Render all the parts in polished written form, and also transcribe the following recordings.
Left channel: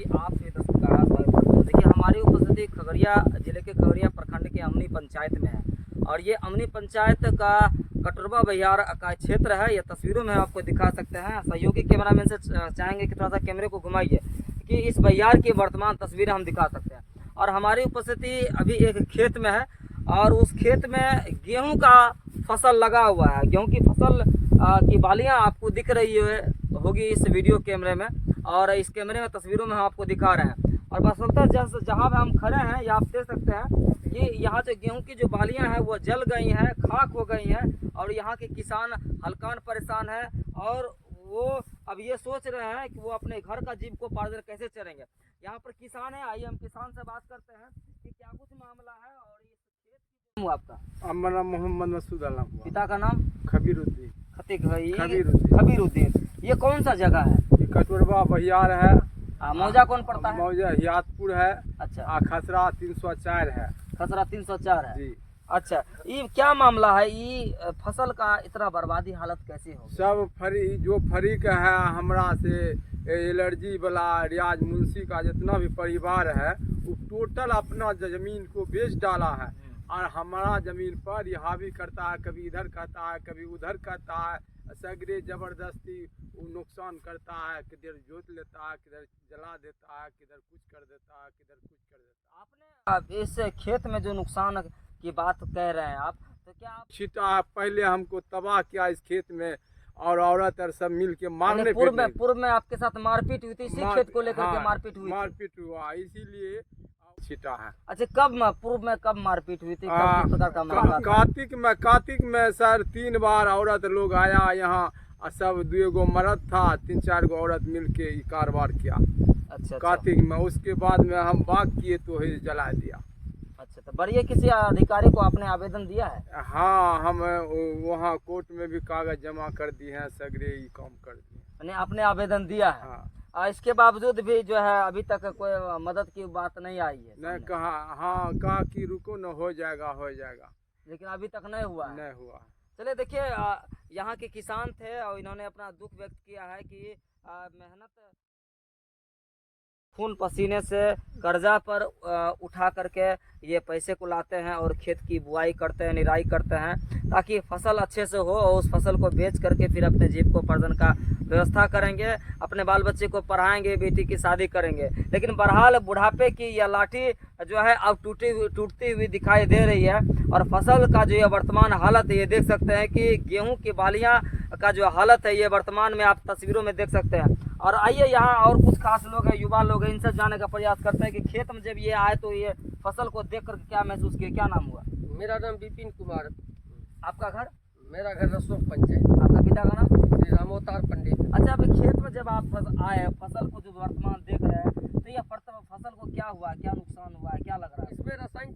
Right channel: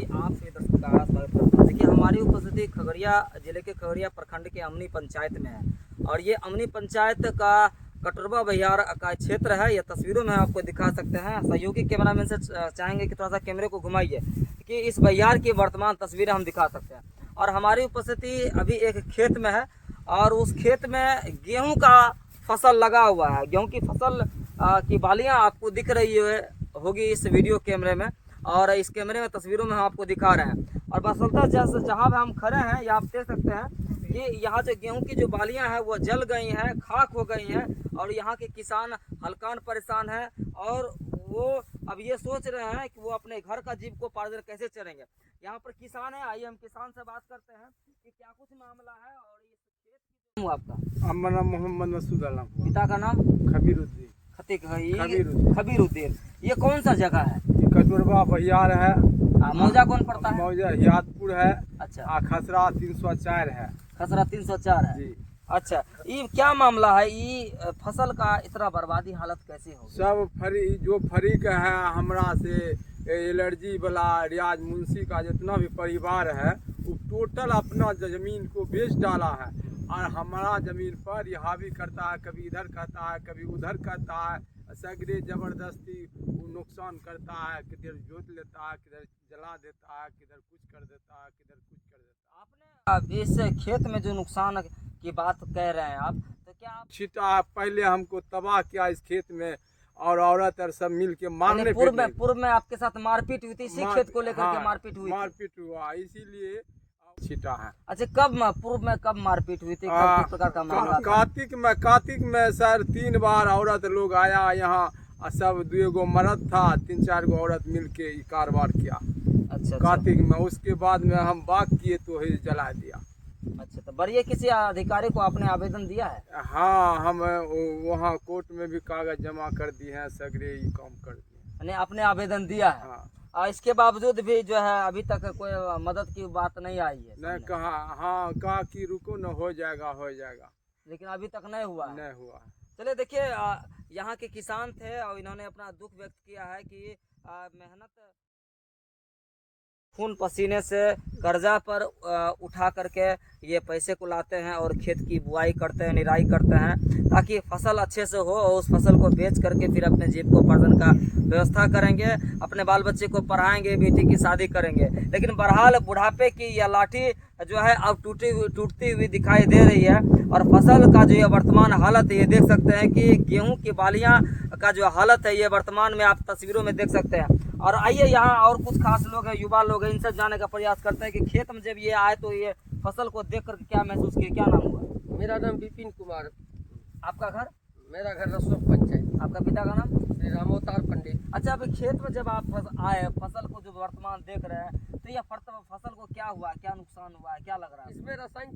जी आप से दर्शकों का आगाज़ स्वागत करते हैं। देखिए हमारी उपस्थिति खगड़िया जिले के खगड़िया प्रखंड के अमनी पंचायत में है और ये अमनी पंचायत का कटरवा बहियार का क्षेत्र है। ये तस्वीरों में आपको दिखा सकते हैं। सहयोगी कैमरामैन से चाहेंगे कि थोड़ा सा कैमरे को घुमाइए कि इस बहियार की वर्तमान तस्वीरें हम दिखा सकते हैं। और हमारी उपस्थिति अभी एक खेत में है और उस खेत में गेहूँ का फसल लगा हुआ है। गेहूँ की फसल की बालियाँ आपको दिख रही होगी इस वीडियो कैमरे में और इस कैमरे में तस्वीरों में हम आपको दिखा रहे हैं। और बसंता जहाँ पे हम खड़े हैं ये आप देख सकते हैं कि यहाँ जो गेहूं की जो बालियां हैं वो जल गई हैं, खाक हो गई हैं और यहाँ के किसान हल्कान परेशान हैं और वो अब ये सोच रहे हैं कि वो अपने घर का जीविकोपार्जन कैसे चलेंगे। यहाँ पर किसान है, आइए हम किसान से बात करते हैं कि क्या कुछ मामला है। और ये खेत आपका हमारा मोहम्मद मसूद आलम, पिता का नाम खबीरुद्दीन। खबीरुद्दीन। ये कौन सा जगह है? ये कटोरवा बहियार है। मौजा कौन पड़ता है? मौजा हियातपुर है। अच्छा। खसरा 304 है। खसरा 304 है जी। अच्छा, ये क्या मामला है? ये फसल का इतना बर्बादी हालत कैसे हो? सब फरीक है हमरा से एलर्जी वाला रियाज मुंशी का जितना भी परिवार है वो टोटल अपना जमीन को बेच डाला है और हमारा जमीन पर ये हावी करता है, कभी इधर कहता है कभी उधर कहता है, सगरे जबरदस्ती वो नुकसान करता है, किधर जोत लेता है, किधर जला देता है, किधर कुछ कर देता है, किधर कुछ कर देता है। आपने इस खेत में जो नुकसान की बात कह रहे हैं आप, तो क्या आप छिटा पहले हमको तबाह किया इस खेत में और औरत और सब मिल के मारने पूर्व में आपके साथ मारपीट हुई थी? इसी खेत को लेकर के मारपीट हुई? मारपीट हुआ इसीलिए छिटा है। अच्छा, पूर्व में कब मारपीट हुई थी? किस प्रकार का मामला था? कार्तिक में सर 3 बार औरत लोग आया यहाँ और सब 2 गो मर्द था, 3-4 गो औरत मिलके कारोबार किया। अच्छा। कार्तिक में उसके बाद में हम बाग किए तो ही जला दिया। अच्छा, तो बढ़िया किसी अधिकारी को आपने आवेदन दिया है? हाँ, हम वहाँ कोर्ट में भी कागज जमा कर दिए हैं, सगरे ही काम कर दिए। आपने आवेदन दिया है? हाँ। इसके बावजूद भी जो है अभी तक कोई मदद की बात नहीं आई है? नहीं कहा, हाँ कहा कि रुको न हो जाएगा, लेकिन अभी तक नहीं हुआ? नहीं हुआ। चलिए देखिए, यहाँ के किसान थे और इन्होंने अपना दुख व्यक्त किया है कि मेहनत खून पसीने से कर्जा पर उठा करके ये पैसे को लाते हैं और खेत की बुआई करते हैं, निराई करते हैं ताकि फसल अच्छे से हो और उस फसल को बेच करके फिर अपने जीविकोपार्जन का व्यवस्था करेंगे, अपने बाल बच्चे को पढ़ाएंगे, बेटी की शादी करेंगे। लेकिन बहरहाल बुढ़ापे की यह लाठी जो है अब टूटती हुई दिखाई दे रही है और फसल का जो ये वर्तमान हालत है ये देख सकते हैं कि गेहूं की बालियां का जो हालत है ये वर्तमान में आप तस्वीरों में देख सकते हैं। और आइए यहाँ और कुछ खास लोग हैं, युवा लोग हैं, इनसे जानने का प्रयास करते हैं कि खेत में जब ये आए तो ये फसल को देख कर क्या महसूस किए। क्या नाम हुआ? मेरा नाम विपिन कुमार। आपका घर? मेरा घर रसोक पंचायत। आपका पिता का नाम? श्री रामोतार पंडित। अच्छा, अभी खेत में जब आप आए फसल को जो वर्तमान देख रहे हैं तो यह फसल को क्या हुआ, क्या नुकसान हुआ है, क्या लग रहा है? इसमें रसायन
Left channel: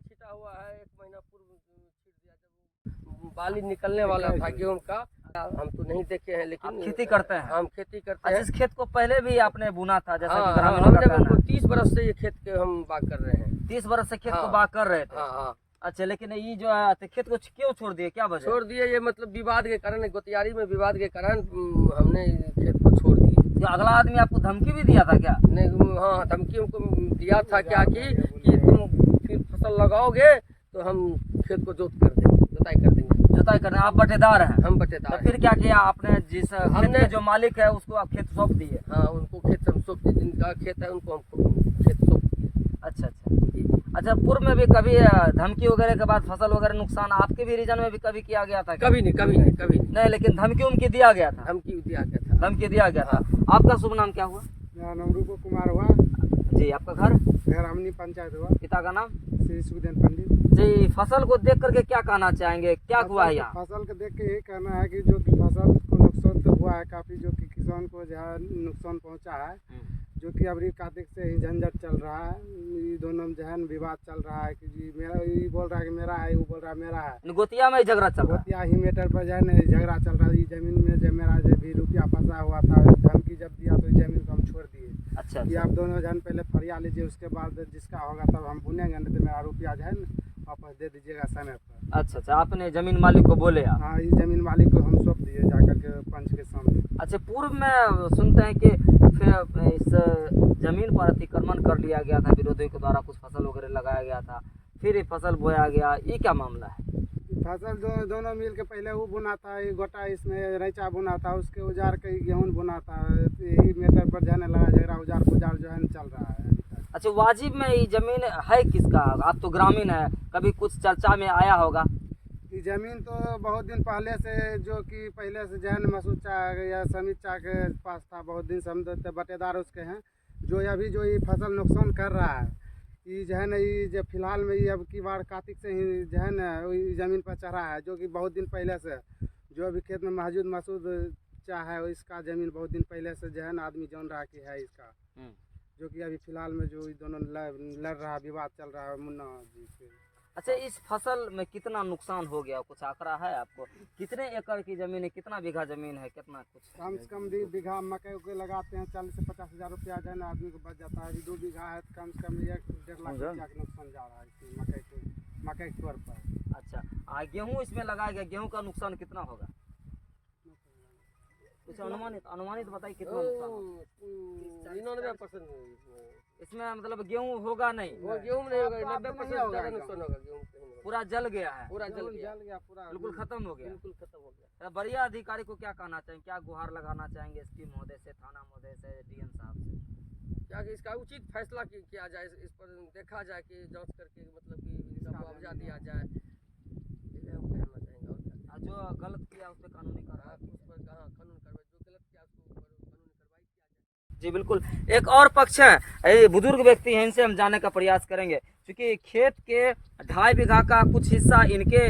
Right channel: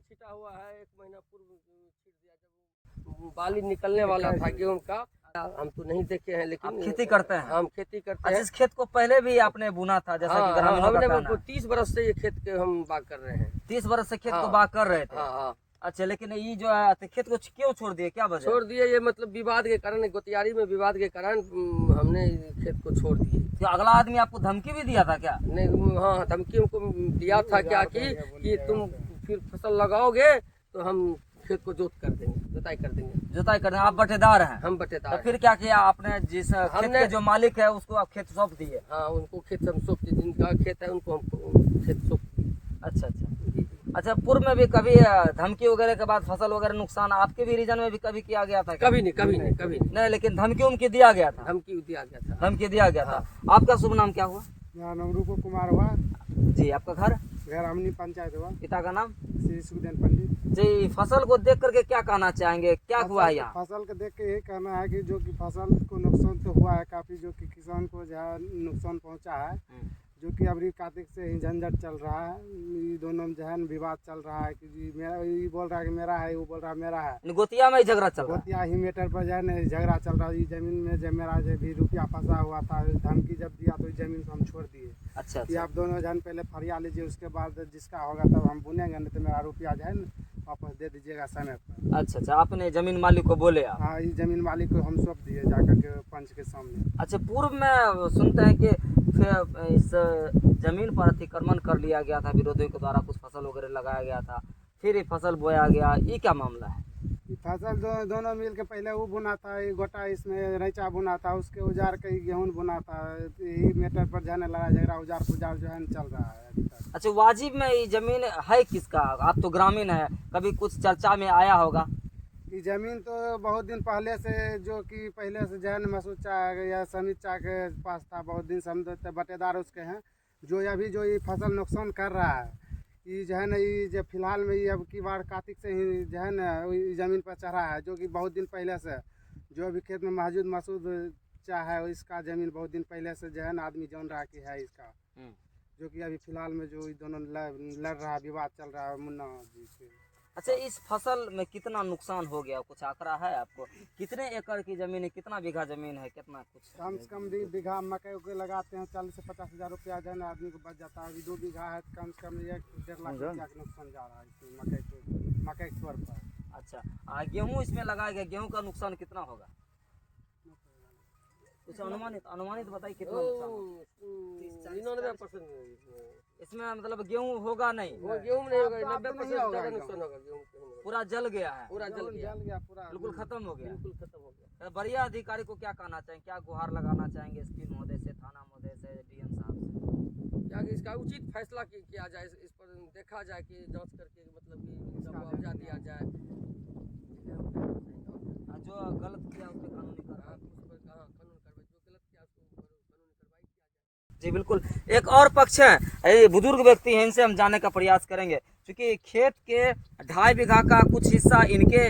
छिटा हुआ है। 1 महीना पूर्व छिट दिया जब बाली निकलने वाला था गेहूं का। हम तो नहीं देखे हैं लेकिन खेती करते हैं? हम खेती करते हैं। इस खेत को पहले भी आपने बुना था जैसा कि हमने 30 बरस से ये खेत के हम बाग कर रहे हैं। 30 बरस से खेत को बाग कर रहे थे? हाँ। अच्छा, लेकिन ये जो है तो खेत को क्यों छोड़ दिए, क्या वजह? छोड़ दिए ये मतलब विवाद के कारण, गोतियारी में विवाद के कारण हमने खेत को छोड़ दिए। तो अगला आदमी आपको धमकी भी दिया था क्या? नहीं, हाँ धमकी हमको दिया था क्या कि तुम फिर फसल लगाओगे तो हम खेत को जोताई कर देंगे। आप बटेदार हैं? हम बटेदार। तो फिर क्या किया आपने? हमने जो मालिक है उसको आप खेत सौंप दिए? हाँ, उनको खेत हम सौंप दिए, जिनका खेत है उनको हम खेत सौंप दिए। अच्छा, पूर्व में भी कभी धमकी वगैरह के बाद फसल वगैरह नुकसान आपके भी रीजन में भी कभी किया गया था? कभी नहीं। लेकिन धमकी दिया गया था? धमकी दिया गया था। आपका शुभ नाम क्या हुआ? मेरा नाम रूप कुमार हुआ जी। आपका घर? घर अमनी पंचायत हुआ। पिता का नाम? श्री सुखदेव पंडित जी। फसल को देख करके क्या कहना चाहेंगे, क्या हुआ है यहाँ? फसल को देख के यही कहना है कि जो कि फसल को नुकसान तो हुआ है काफी, जो कि किसान को जो है नुकसान पहुंचा है, जो कि अभी कार्तिक से ही झंझट चल रहा है। ये दोनों में जो है विवाद चल रहा है कि जी मेरा, ये बोल रहा है कि मेरा है, वो बोल रहा है मेरा है। गोतिया में झगड़ा चल रहा है? गोतिया ही मैटर पर जो है ना झगड़ा चल रहा है। ये जमीन में जब मेरा जो भी रुपया फंसा हुआ था, धमकी जब दिया तो जमीन को हम छोड़ दिए। अच्छा। कि आप दोनों जन पहले फरिया लीजिए, उसके बाद जिसका होगा तब हम बुनेंगे, नहीं तो मेरा रुपया जो है ना वापस दे दीजिएगा समय पर। अच्छा, आपने जमीन मालिक को बोले? हाँ, ये जमीन मालिक को हम सौंप दिए जाकर के पंच के सामने। अच्छा, पूर्व में सुनते हैं कि फिर इस जमीन पर अतिक्रमण कर लिया गया था, विरोधियों के द्वारा कुछ फसल वगैरह लगाया गया था, फिर ये फसल बोया गया, ये क्या मामला है? फसल दोनों मिल के पहले वो बुना था, ये गोटा इसमें रैचा बुना था, उसके उजार के गेहूँ बुना था। यही मैटर पर जाने लगा झगड़ा, उजार पुजार जो है न चल रहा है अभी तक। अच्छा, वाजिब में ये जमीन है किसका? आप तो ग्रामीण है, कभी कुछ चर्चा में आया होगा? ये जमीन तो बहुत दिन पहले से, जो कि पहले से जो है न मसूद चा या समीत चा के पास था, बहुत दिन से हम तो बटेदार उसके हैं। जो अभी जो ये फसल नुकसान कर रहा है, ये जो है ना, ये जो फिलहाल में ये अब की बार कार्तिक से ही जो है ना ये ज़मीन पर चढ़ा है, जो कि बहुत दिन पहले से जो अभी खेत में मौजूद मसूद चा है, इसका ज़मीन बहुत दिन पहले से जो है ना आदमी जान रहा कि है इसका, जो कि अभी फिलहाल में जो ये दोनों लड़ रहा, विवाद चल रहा है मुन्ना जी से। अच्छा, इस फसल में कितना नुकसान हो गया, कुछ आंकड़ा है आपको? कितने एकड़ की जमीन है, कितना बीघा जमीन है, कितना कुछ? कम से कम 2 बीघा मकई उकई लगाते हैं, 40 से 50 हज़ार रुपया जो है ना आदमी को बच जाता है। अभी 2 बीघा है तो कम से कम 1-1.5 लाख रुपया का नुकसान जा रहा है इसमें मकई के तौर पर। अच्छा, गेहूँ इसमें लगाया गया, गेहूँ का नुकसान कितना होगा? कुछ अनुमानित बताइए कितना नुकसान होगा? 99% इसमें मतलब गेहूँ होगा नहीं, गेहूँ नहीं होगा, 90% ज़्यादा नुकसान होगा गेहूँ। पूरा जल गया है, पूरा जल गया, पूरा बिल्कुल खत्म हो गया। बिल्कुल खत्म हो गया। बढ़िया अधिकारी को क्या कहना चाहेंगे, क्या गुहार लगाना चाहेंगे एसपी महोदय से, थाना महोदय से, डीएम साहब से? क्या कि इसका उचित फैसला किया जाए, इस पर देखा जाए कि जांच करके मतलब कि इसका मुआवजा दिया जाए। जो गलत किया उस पर कानूनी कार्रवाई, कानून कार्रवाई, जो गलत किया उसको कानूनी कार्रवाई किया जाए। जी बिल्कुल। एक और पक्ष है, ये बुजुर्ग व्यक्ति हैं, इनसे हम जानने का प्रयास करेंगे, क्योंकि खेत के 2.5 बीघा का कुछ हिस्सा इनके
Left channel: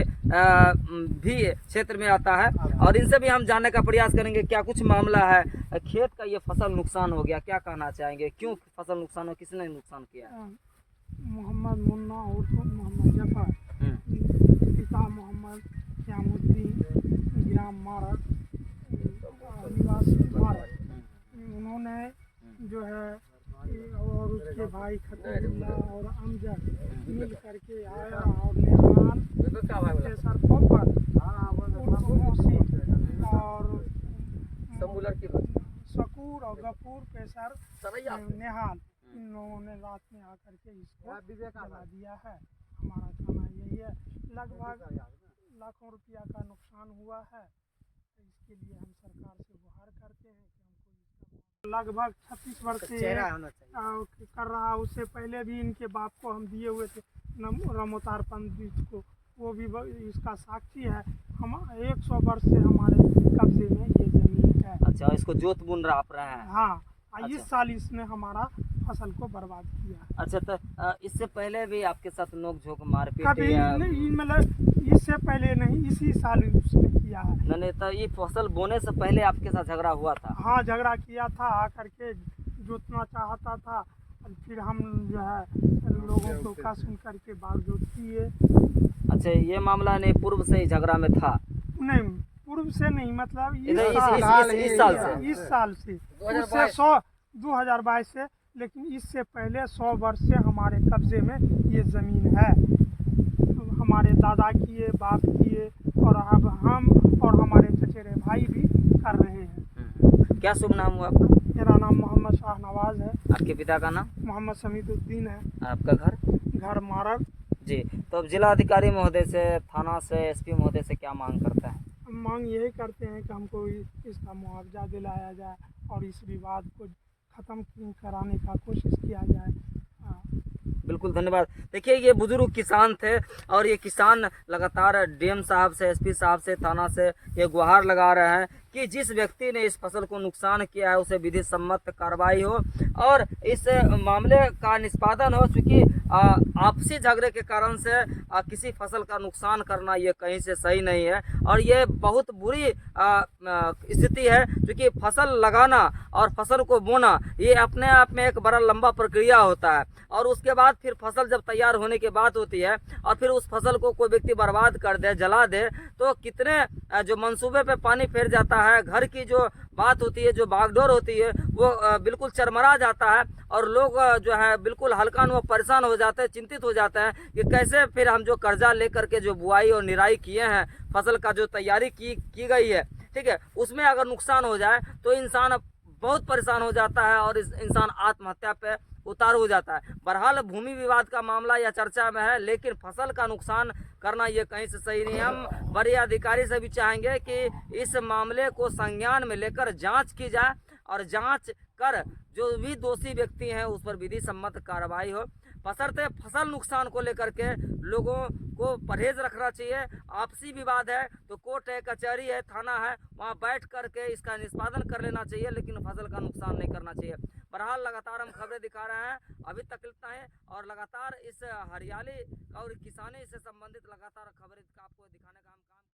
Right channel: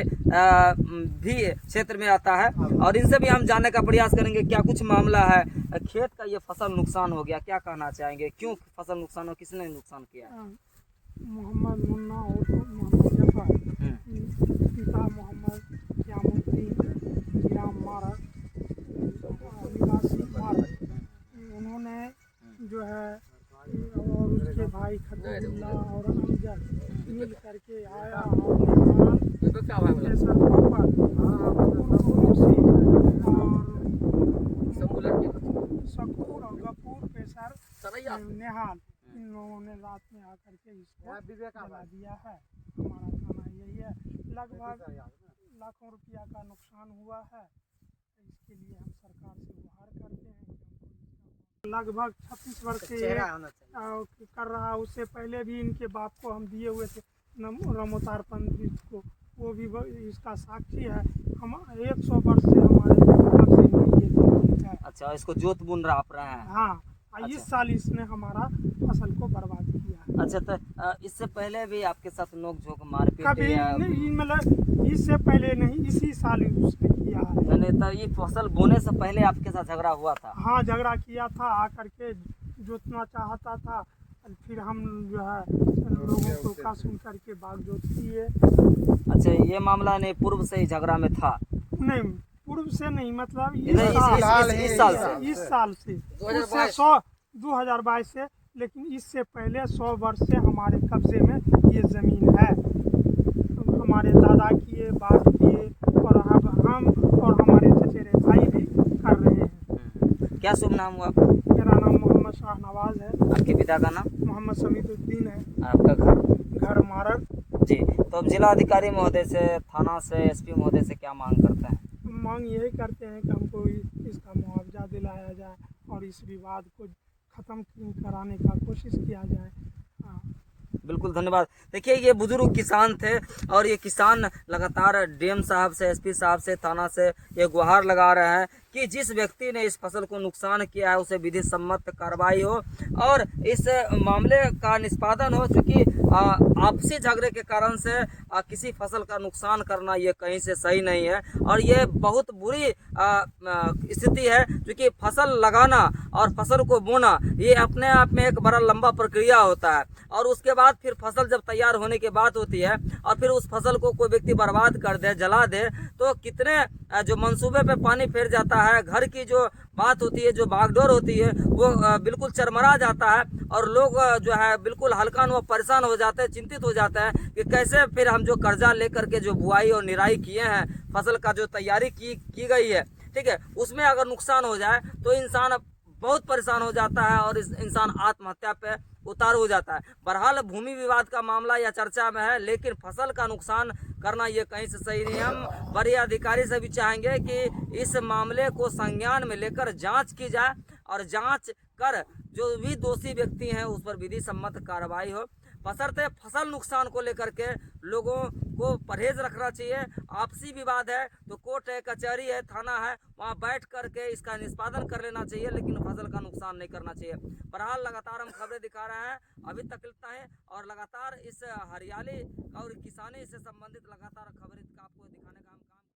भी क्षेत्र में आता है, और इनसे भी हम जानने का प्रयास करेंगे क्या कुछ मामला है। खेत का ये फसल नुकसान हो गया, क्या कहना चाहेंगे, क्यों फसल नुकसान हो, किसने नुकसान किया है? मोहम्मद मुन्ना और मोहम्मद जफर, पिता मोहम्मद श्यामुद्दीन, ग्राम मारक, निवासी मारक, उन्होंने जो है और उसके भाई खतीबुल्ला और अमजद मिल करके आया और निर्माण प्रोफेसर पप्पन उर्फ मौसी और शकूर और गफूर पेशर नेहाल, इन लोगों ने रात में आकर के इसको जला दिया है। हमारा कहना यही है, लगभग लाखों रुपया का नुकसान हुआ है। इसके लिए हम सरकार से गुहार करते हैं कि हमको लगभग 36 वर्ष से ये कर रहा। उससे पहले भी इनके बाप को हम दिए हुए थे रमोतार पंडित को, वो भी इसका साक्षी है। हम 100 वर्ष से हमारे कब्जे में ये जमीन है। अच्छा, इसको जोत बुन रहा है? हाँ, अच्छा। इस साल इसने हमारा फसल को बर्बाद किया है। अच्छा, तो इससे पहले भी आपके साथ नोक झोंक मारपीट कभी नहीं, मतलब इससे पहले नहीं, इसी साल उसने किया है। यानी तो ये फसल बोने से पहले आपके साथ झगड़ा हुआ था? हाँ, झगड़ा किया था, आकर के जोतना चाहता था, फिर हम जो है लोगों को का सुन करके बागजोत किए। अच्छा, ये मामला नहीं पूर्व से ही झगड़ा में था? नहीं, पूर्व से नहीं, मतलब इस साल से उससे 2022 से, लेकिन इससे पहले 100 वर्ष से हमारे कब्जे में ये ज़मीन है। हमारे दादा किए, बाप किए, और अब हम और हमारे चचेरे भाई भी कर रहे हैं। क्या शुभ नाम हुआ आपका? मेरा नाम मोहम्मद शाहनवाज है। आपके पिता का नाम? मोहम्मद समीदुद्दीन है। आपका घर? मारर। जी, तो अब जिला अधिकारी महोदय से, थाना से, एसपी महोदय से क्या मांग करते हैं? मांग यही करते हैं कि हमको इसका मुआवजा दिलाया जाए और इस विवाद को ख़त्म कराने का कोशिश किया जाए। हाँ। बिल्कुल, धन्यवाद। देखिए, ये बुजुर्ग किसान थे, और ये किसान लगातार डीएम साहब से, एसपी साहब से, थाना से ये गुहार लगा रहे हैं कि जिस व्यक्ति ने इस फसल को नुकसान किया है उसे विधि सम्मत कार्रवाई हो और इस मामले का निष्पादन हो। चूँकि आपसी झगड़े के कारण से किसी फसल का नुकसान करना ये कहीं से सही नहीं है, और ये बहुत बुरी स्थिति है, क्योंकि फसल लगाना और फसल को बोना ये अपने आप में एक बड़ा लंबा प्रक्रिया होता है, और उसके बाद फिर फसल जब तैयार होने के बाद होती है और फिर उस फसल को कोई व्यक्ति बर्बाद कर दे, जला दे, तो कितने जो मंसूबे पे पानी फिर जाता है, घर की जो बात होती है, जो बागडोर होती है, वो बिल्कुल चरमरा जाता है, और लोग जो है बिल्कुल हल्का वो परेशान हो जाते हैं, चिंतित हो जाते हैं कि कैसे फिर हम जो कर्जा लेकर के जो बुआई और निराई किए हैं, फसल का जो तैयारी की गई है, ठीक है, उसमें अगर नुकसान हो जाए तो इंसान बहुत परेशान हो जाता है और इस इंसान आत्महत्या पे उतारू हो जाता है। बहरहाल भूमि विवाद का मामला या चर्चा में है, लेकिन फसल का नुकसान करना ये कहीं से सही नहीं है। हम बड़े अधिकारी से भी चाहेंगे कि इस मामले को संज्ञान में लेकर जांच की जाए और जांच कर जो भी दोषी व्यक्ति हैं उस पर विधि सम्मत कार्रवाई हो। बशर्ते फसल नुकसान को लेकर के लोगों को परहेज रखना चाहिए। आपसी विवाद है तो कोर्ट है, कचहरी है, थाना है, वहाँ बैठ करके इसका निष्पादन कर लेना चाहिए, लेकिन फसल का नुकसान नहीं करना चाहिए। बहरहाल लगातार हम खबरें दिखा रहे हैं, अभी तक इतना है, और लगातार इस हरियाली और किसानी से संबंधित लगातार खबरें आपको दिखाने का हम काम